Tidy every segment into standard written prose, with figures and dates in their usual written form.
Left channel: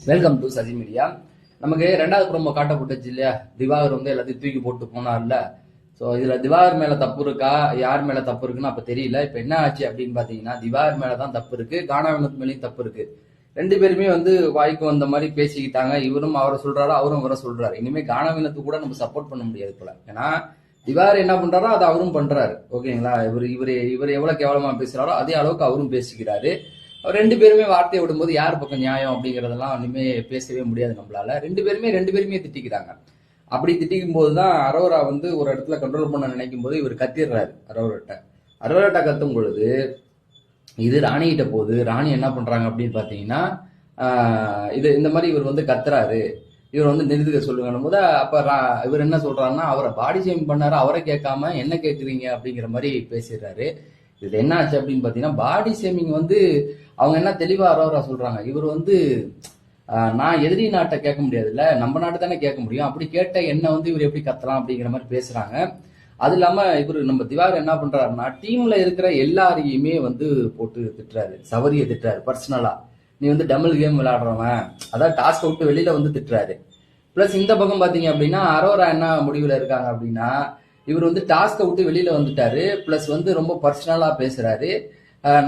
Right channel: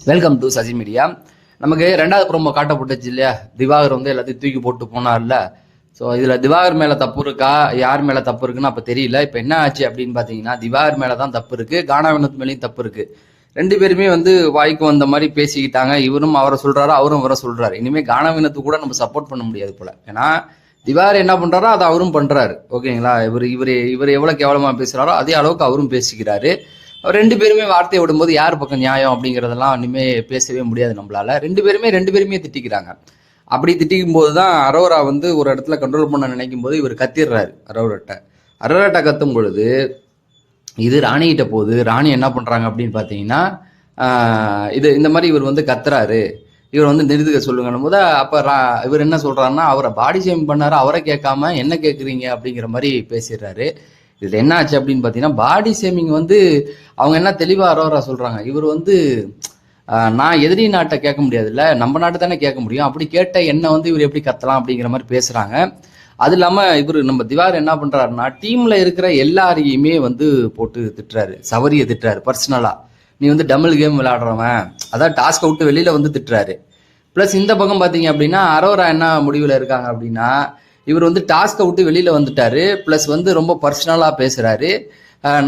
Welcome to Sasi media. நமக்கு ரெண்டாவது promo காட்டப்பட்டுச்சு இல்லையா, திவாகர் வந்து எல்லாத்தையும் தூக்கி போட்டு போனார்ல. ஸோ இதில் திவாகர் மேலே தப்பு இருக்கா, யார் மேலே தப்பு இருக்குன்னு அப்போ தெரியல. இப்போ என்ன ஆச்சு அப்படின்னு பார்த்தீங்கன்னா, திவாகர் மேலே தான் தப்பு இருக்குது, கானா வினோத் மேலேயும் தப்பு இருக்குது. ரெண்டு பேருமே வந்து வாய்க்கு வந்த மாதிரி பேசிக்கிட்டாங்க. இவரும் அவரை சொல்கிறாரு, அவரும் அவரை சொல்கிறாரு. இனிமேல் கானா வினோத்து கூட நம்ம சப்போர்ட் பண்ண முடியாது போல. ஏன்னா திவாகர் என்ன பண்ணுறாரோ அதை அவரும் பண்ணுறாரு. ஓகேங்களா, இவர் எவ்வளோ கேவலமாக பேசுகிறாரோ அதே அளவுக்கு அவரும் பேசிக்கிறாரு. ரெண்டு பேருமே வார்த்தையை விடும்போது யார் பக்கம் நியாயம் அப்படிங்கிறதெல்லாம் இனிமே பேசவே முடியாது நம்மளால. ரெண்டு பேருமே திட்டிக்கிறாங்க. அப்படி திட்டிக்கும் போது தான் அரோரா வந்து ஒரு இடத்துல கண்ட்ரோல் பண்ண நினைக்கும் போது இவர் கத்திடுறாரு அரோராட்ட கத்தும் பொழுது இது ராணிகிட்ட போகுது. ராணி என்ன பண்றாங்க அப்படின்னு பார்த்தீங்கன்னா, இந்த மாதிரி இவர் வந்து கத்துறாரு, இவர் வந்து நிறுத்துக்க சொல்லுங்கன்னும் போது அப்ப இவர் என்ன சொல்றாருன்னா, அவரை பாடி ஷேம் பண்ணாரு, அவரை கேட்காம என்ன கேட்குறீங்க அப்படிங்கிற மாதிரி பேசிடுறாரு. இதுல என்ன ஆச்சு அப்படின்னு பாத்தீங்கன்னா, பாடி ஷேமிங் வந்து அவங்க என்ன தெளிவா அரோரா சொல்றாங்க, இவர் வந்து நான் எதிரி நாட்டை கேட்க முடியாது இல்ல, நம்ம நாட்டை தானே கேட்க முடியும், அப்படி கேட்ட என்ன வந்து இவர் எப்படி கத்தலாம் அப்படிங்கிற மாதிரி பேசுறாங்க. அது இல்லாம இவர் நம்ம திவாகர் என்ன பண்றாருன்னா, டீம்ல இருக்கிற எல்லாரையுமே வந்து போட்டு திட்டுறாரு, சவரிய திட்டுறாரு பர்சனலா. நீ வந்து டபுள் கேம் விளையாடுறவன், அதான் டாஸ்க் விட்டு வெளியில வந்து திட்டுறாரு. பிளஸ் இந்த பக்கம் பாத்தீங்க அப்படின்னா, அரோரா என்ன முடிவுல இருக்காங்க அப்படின்னா, இவர் வந்து டாஸ்கை விட்டு வெளியில வந்துட்டாரு, பிளஸ் வந்து ரொம்ப பர்சனலா பேசுறாரு.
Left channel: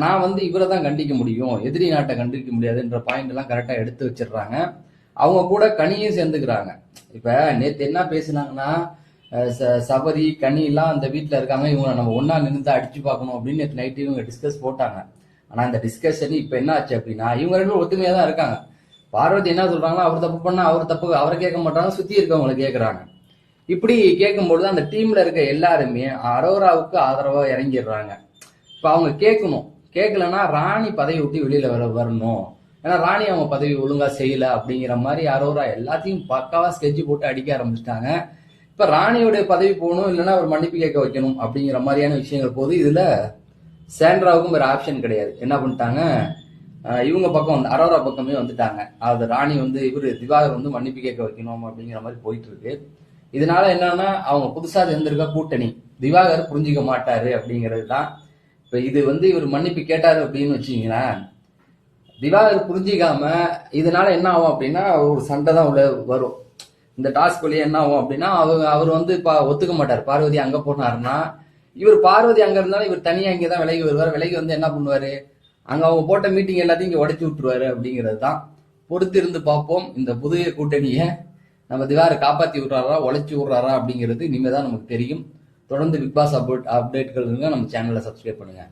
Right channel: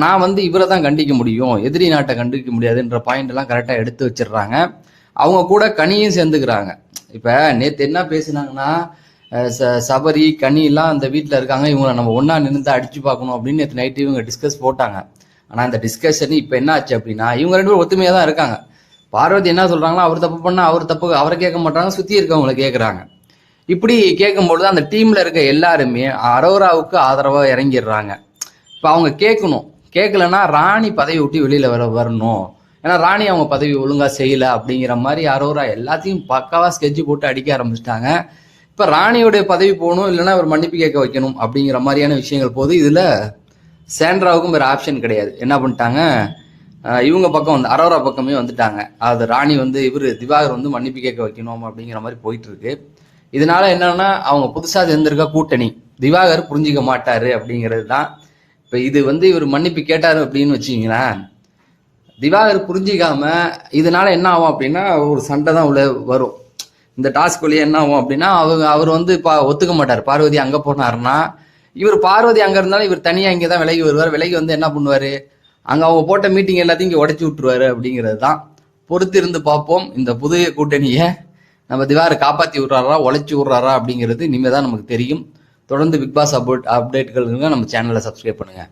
நான் வந்து இவரை தான் கண்டிக்க முடியும், எதிரி நாட்டை கண்டிக்க முடியாதுன்ற பாயிண்ட் எல்லாம் கரெக்டா எடுத்து வச்சிடுறாங்க. அவங்க கூட கனியும் சேர்ந்துக்கிறாங்க. இப்ப நேத்து என்ன பேசினாங்கன்னா, சபரி கனி எல்லாம் அந்த வீட்டுல இருக்காங்க, இவங்களை நம்ம ஒன்னா நின்று அடிச்சு பார்க்கணும் அப்படின்னு நேற்று நைட்டு இவங்க டிஸ்கஸ் போட்டாங்க. ஆனா இந்த டிஸ்கஷன் இப்ப என்ன ஆச்சு அப்படின்னா, இவங்க ரெண்டு பேரும் ஒத்துமையா தான் இருக்காங்க. பார்வதி என்ன சொல்றாங்களோ, அவர் தப்பு பண்ணா அவர் தப்பு அவரை கேட்க மாட்டாங்க, சுத்தி இருக்கவங்களை கேட்கறாங்க. இப்படி கேட்கும்பொழுது அந்த டீம்ல இருக்க எல்லாருமே அரோராவுக்கு ஆதரவா இறங்கிடுறாங்க. இப்ப அவங்க கேட்கலன்னா ராணி பதவி விட்டு வெளியில வரணும், ஏன்னா ராணி அவங்க பதவி ஒழுங்கா செய்யல அப்படிங்கிற மாதிரி அரோரா எல்லாத்தையும் பக்காவா ஸ்கெட்ச் போட்டு அடிக்க ஆரம்பிச்சிட்டாங்க. இப்ப ராணியோடைய பதவி போகணும், இல்லைன்னா ஒரு மன்னிப்பு கேட்க வைக்கணும் அப்படிங்கிற மாதிரியான விஷயங்கள் போது இதுல சாண்ட்ராவுக்கும் வேற ஆப்ஷன் கிடையாது. என்ன பண்ணிட்டாங்க, இவங்க பக்கம் வந்து அரோரா பக்கமே வந்துட்டாங்க. அதாவது ராணி வந்து திவாகர் வந்து மன்னிப்பு கேட்க வைக்கணும் அப்படிங்கிற மாதிரி போயிட்டு இருக்கு. இதனால என்னன்னா, அவங்க புதுசா சேர்ந்திருக்க கூட்டணி திவாகர் புரிஞ்சிக்க மாட்டாரு அப்படிங்கிறது தான். இப்ப இது வந்து இவர் மன்னிப்பு கேட்டாரு அப்படின்னு வச்சுங்களேன், திவாகர் புரிஞ்சிக்காம இதனால என்ன ஆகும் அப்படின்னா, ஒரு சண்டை தான் உள்ள வரும். இந்த டாஸ்க் வழியா என்ன ஆகும் அப்படின்னா, அவர் வந்து ஒத்துக்க மாட்டார். பார்வதி அங்க போனாருன்னா, இவர் பார்வதி அங்க இருந்தாலும் இவர் தனியா இங்கதான் விலகி வருவார். விலகி வந்து என்ன பண்ணுவாரு, அங்க அவங்க போட்ட மீட்டிங் எல்லாத்தையும் இங்க உடைச்சு விட்டுருவாரு அப்படிங்கிறது தான். பொறுத்து இருந்து பார்ப்போம், இந்த புதிய கூட்டணியை நம்ம திவாகரை காப்பாற்றி விட்றாரா, உழைச்சி விட்றாரா அப்படிங்கிறது இனிமேல் தான் நமக்கு தெரியும். தொடர்ந்து பிக் பாஸ் அப்டேட்களுக்கு நம்ம சேனலை சப்ஸ்கிரைப் பண்ணுங்கள்.